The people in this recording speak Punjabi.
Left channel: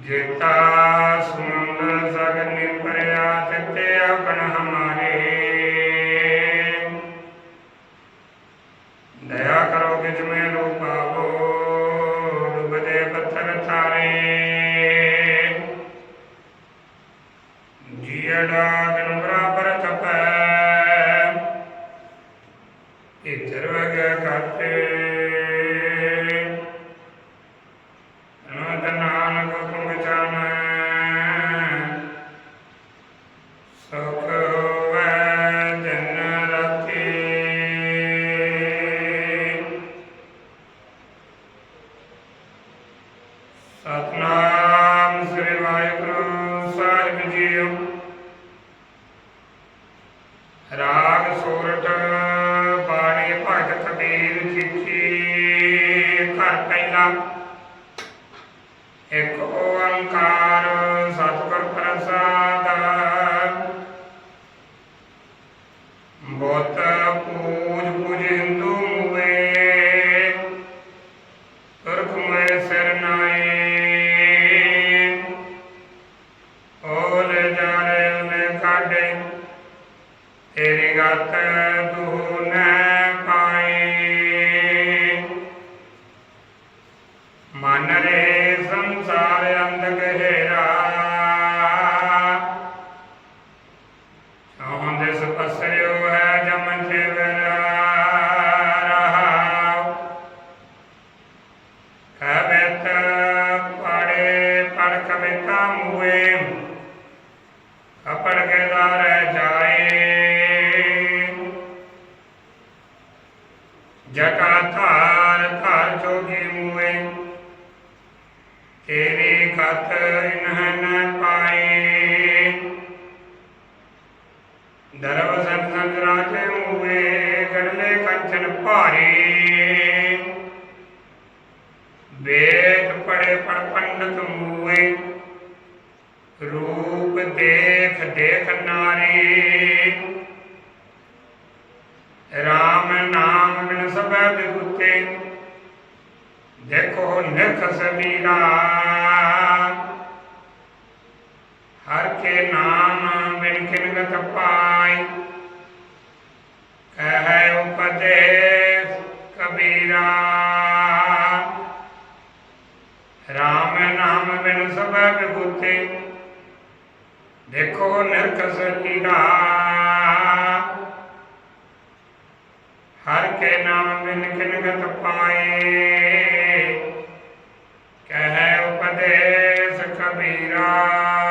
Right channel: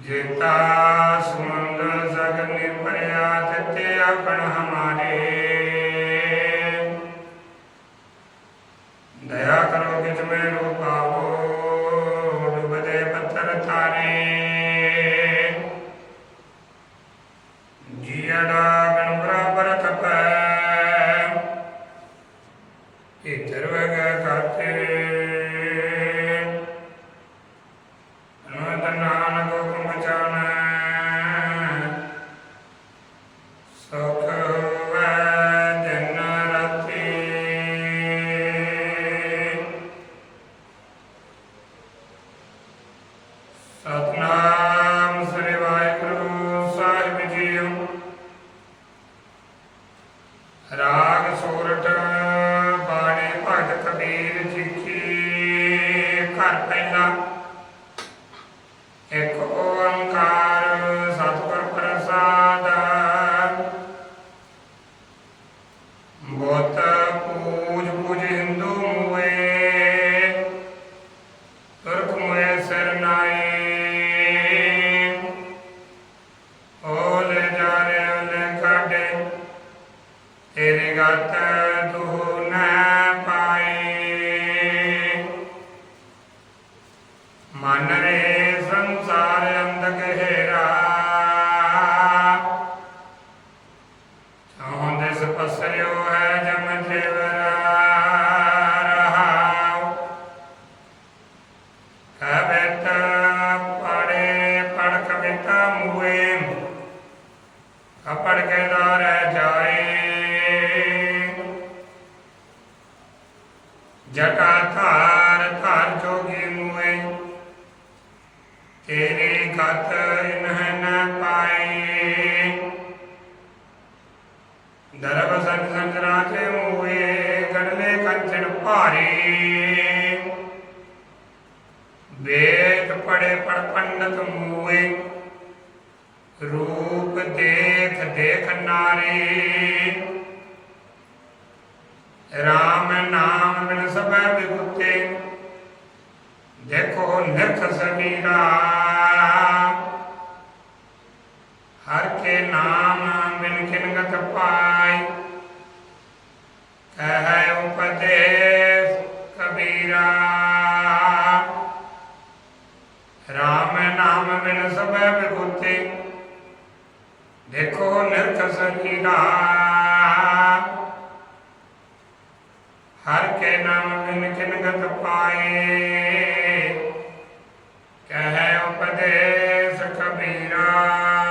ਜੇਤਾ ਸਮੁੰਦਰ ਸਗਰ ਨਿਰਭਰਿਆ ਤਿਤੇ ਆਪਣ ਹਮਾਰੇ। ਦਇਆ ਕਰੋ ਕਿ ਤੁਮੇ ਰੂਪਾਵੋ ਡੁਬਦੇ ਪੱਥਰ ਤਾਰੇ। ਜੀੜਾ ਗਨ ਬਰਾਬਰ ਤਪੈ ਇਧਰ ਵਗ ਕਾਤੇ। ਅਨੰਦ ਸਤਨਾਮ ਸ੍ਰੀ ਵਾਹਿਗੁਰੂ ਸਾਹਿਬ ਜੀਓ। ਰਾਗ ਸੂਰਟ ਬਾਣੀ ਭਗਤ ਕਬੀਰ ਚਿੱਠੀ ਘਰ ਪਹਿਲਾ। ਇੱਕ ਓੰਕਾਰ ਸਤਿਗੁਰ ਪ੍ਰਸਾਦ। ਬੋਤ ਪੂਜ ਪੂਜ ਹਿੰਦੂ ਮੂਏ ਤੁਰਕ ਮੂਏ ਸਿਰ ਨਾਏ ਓਲੇ ਤੇਰੀ ਗਤ ਤੂੰ ਨ ਪਾਈ। ਮਨ ਰੇ ਸੰਸਾਰ ਅੰਧ ਗਹਿਰਾ ਚਾਹੁੰਦੇ ਸਪਸਰਿਓ ਹੈ ਜਮ ਜੀਵਨ ਰਹਾਉ ਕਬਿਤ ਪੜੇ ਪੜ ਕਵਿਤਾ ਮੂਏ ਕਪੜ ਕੇ ਦਾਰ ਜਾਏ। ਜਟਾ ਧਾਰ ਧਾਰ ਜੋਗੀ ਮੂਏ, ਤੇਰੀ ਕਤ ਇਨਹ ਨ ਪਾਏ। ਦਰਬ ਸੰਤ ਸੰਜਰਾ ਕੇ ਮੂਏ, ਗੜਲੇ ਕੰਚਨ ਭਾਰੇ। ਵੇਦ ਪੜੇ ਪੜ ਪੰਡਤ ਮੂਏ ਦੇਖ ਦੇਖ ਨਾਰੀ ਰਾਮ ਨਾਮ ਬਿਨ ਸਭੈ ਬਿਗੁਤੇ ਦੇਖੋ ਨਿਖ ਸਮੀਰਾ ਹਰ ਕੇ ਨਾਮ ਬਿਨ ਕਿਨਗਤ ਪਾਈ ਕਹੈ ਉਪਦੇਸ਼ ਕਬੀਰਾ ਰਾਮ ਨਾਮ ਬਿਨ ਸਭੈ ਬਿਗੁਤੇ ਦੇਖੋ ਨਿਰਖਸਨੀ ਦਾ ਹਰ ਕੇ ਨਾਮ ਬਿਨ ਕਿਨਗਤ ਪਾਏ। ਕਹਿ ਉਪਦੇਸ ਕਬੀਰਾ।